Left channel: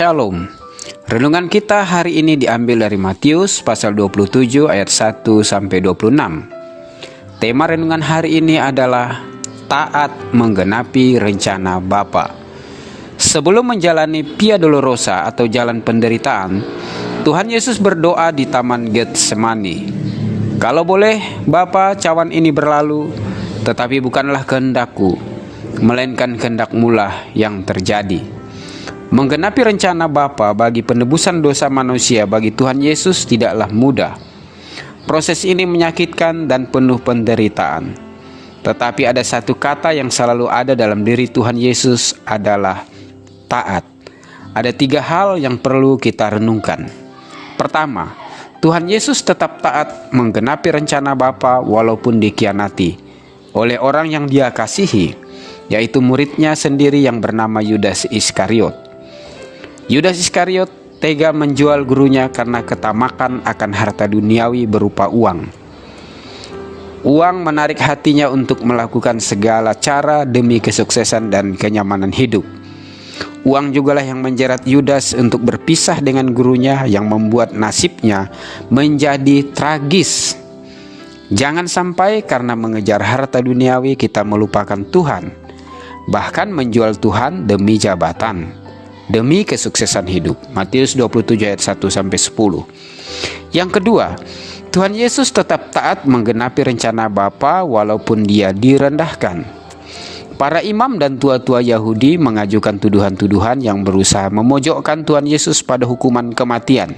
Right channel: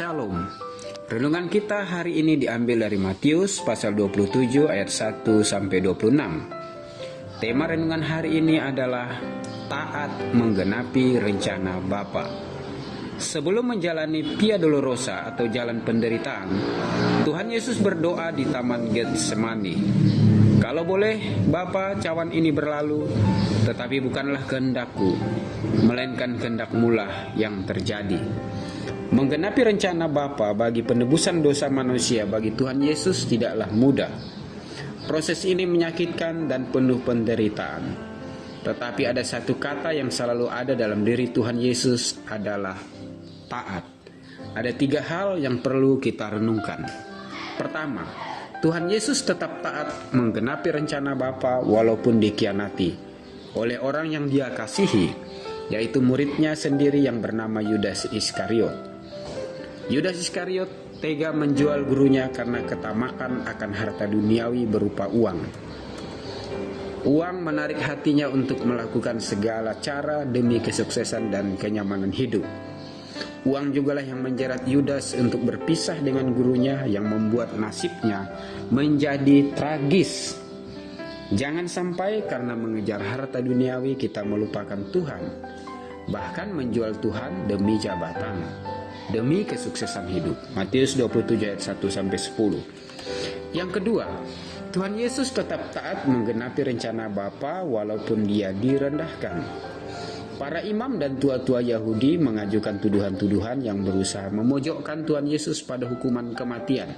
Shalom. Renungan kita hari ini diambil dari Matius pasal 27 ayat 1 sampai 26. Tema renungan hari ini adalah taat menggenapi rencana Bapa. Sebelum menjalani Via Dolorosa atau jalan penderitaan, Tuhan Yesus berdoa di Taman Getsemani. Kalau boleh, Bapa, cawan ini berlalu, tetapi bukanlah kehendakku, melainkan kehendak-Mu lah yang terjadi. Menggenapi rencana Bapa bagi penebusan dosa manusia bagi Tuhan Yesus tidaklah mudah. Proses ini menyakitkan dan penuh penderitaan. Tetapi ada satu kata yang selalu ada dalam diri Tuhan Yesus adalah taat. Ada 3 hal yang perlu kita renungkan. Pertama, Tuhan Yesus tetap taat menggenapi rencana Bapa walaupun dikhianati oleh orang yang Dia kasihi, yaitu muridnya sendiri yang bernama Yudas Iskariot. Yudas Iskariot tega menjual gurunya karena ketamakan akan harta duniawi berupa uang. Uang menarik hatinya untuk melakukan segala cara demi kesuksesan dan kenyamanan hidup. Uang jugalah yang menjerat Yudas untuk berpisah dengan gurunya, yang membuat nasibnya menjadi tragis. Jangan sampai karena mengejar harta duniawi kita melupakan Tuhan, bahkan menjual Tuhan demi jabatan, demi kesuksesan hidup. Matius 27 ayat 1 sampai 10. Yang kedua, Tuhan Yesus tetap taat menggenapi rencana Bapa walaupun Dia direndahkan. Para imam dan tua-tua Yahudi mengajukan tuduhan-tuduhan yang berusaha memojokkan Tuhan Yesus pada hukuman kematian.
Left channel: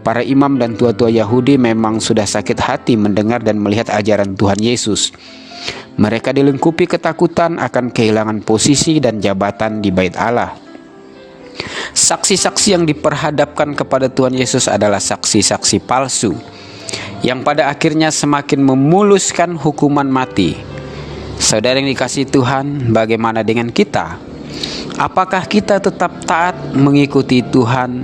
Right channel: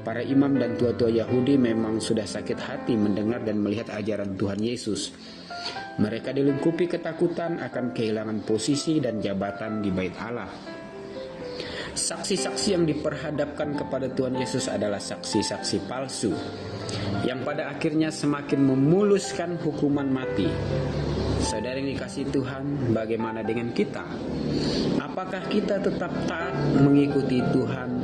Para imam dan tua-tua Yahudi memang sudah sakit hati mendengar dan melihat ajaran Tuhan Yesus. Mereka dilingkupi ketakutan akan kehilangan posisi dan jabatan di Bait Allah. Saksi-saksi yang diperhadapkan kepada Tuhan Yesus adalah saksi-saksi palsu, yang pada akhirnya semakin memuluskan hukuman mati. Saudara yang dikasihi Tuhan, bagaimana dengan kita? Apakah kita tetap taat mengikuti Tuhan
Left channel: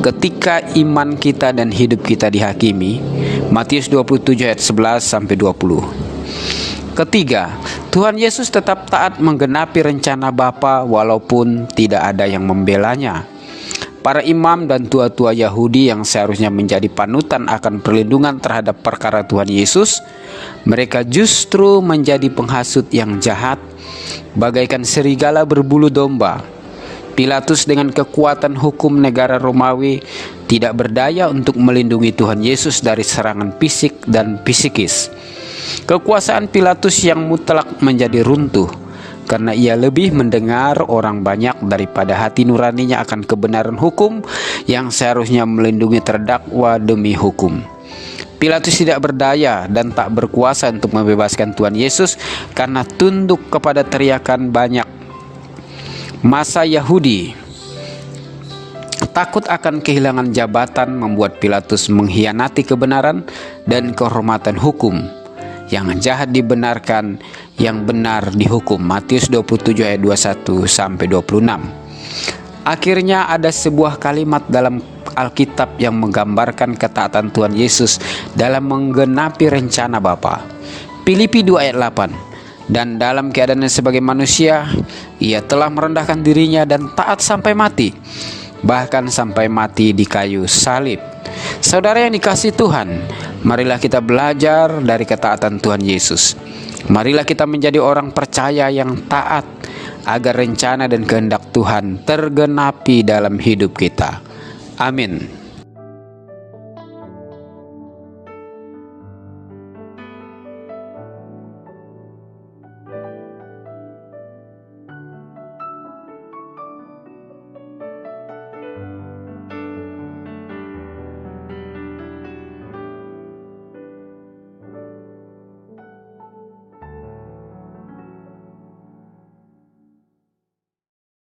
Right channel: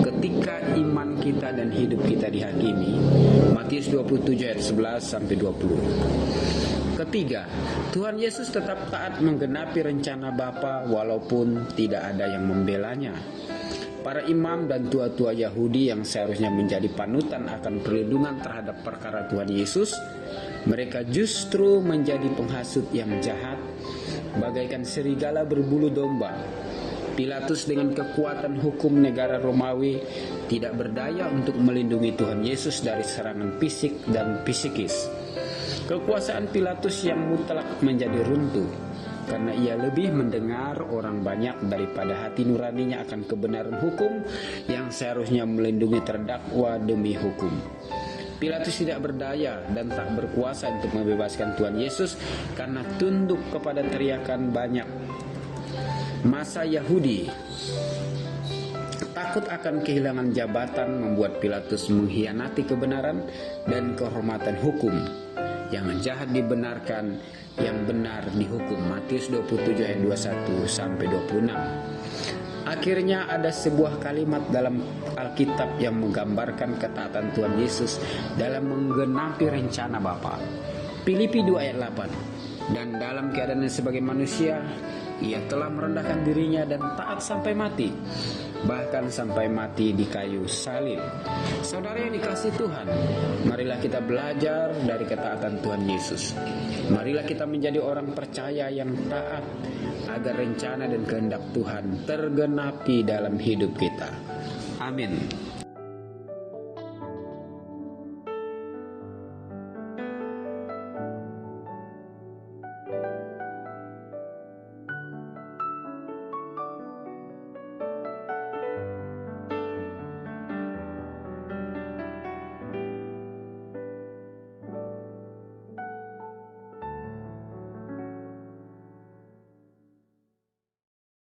ketika iman kita dan hidup kita dihakimi? Matius 27 ayat 11 sampai 20. Ketiga, Tuhan Yesus tetap taat menggenapi rencana Bapa walaupun tidak ada yang membelanya. Para imam dan tua-tua Yahudi yang seharusnya menjadi panutan akan perlindungan terhadap perkara Tuhan Yesus, mereka justru menjadi penghasut yang jahat, bagaikan serigala berbulu domba. Pilatus dengan kekuatan hukum negara Romawi tidak berdaya untuk melindungi Tuhan Yesus dari serangan fisik dan psikis. Kekuasaan Pilatus yang mutlak menjadi runtuh karena ia lebih mendengar orang banyak daripada hati nuraninya akan kebenaran hukum yang seharusnya melindungi terdakwa demi hukum. Pilatus tidak berdaya dan tak berkuasa untuk membebaskan Tuhan Yesus karena tunduk kepada teriakan banyak massa Yahudi. Takut akan kehilangan jabatan membuat Pilatus mengkhianati kebenaran dan kehormatan hukum. Yang jahat dibenarkan, yang benar dihukum. Matius 27 ayat 21 sampai 26. Akhirnya ada sebuah kalimat dalam Alkitab yang menggambarkan ketaatan Tuhan Yesus dalam menggenapi rencana Bapa. Filipi 2 ayat 8. Dan dalam keadaannya sebagai manusia, ia telah merendahkan dirinya dan taat sampai mati, bahkan sampai mati di kayu salib. Saudara yang dikasihi Tuhan, marilah kita belajar dari ketaatan Tuhan Yesus. Marilah kita menjadi orang percaya yang taat agar rencana dan kehendak Tuhan tergenapi dalam hidup kita. Amin.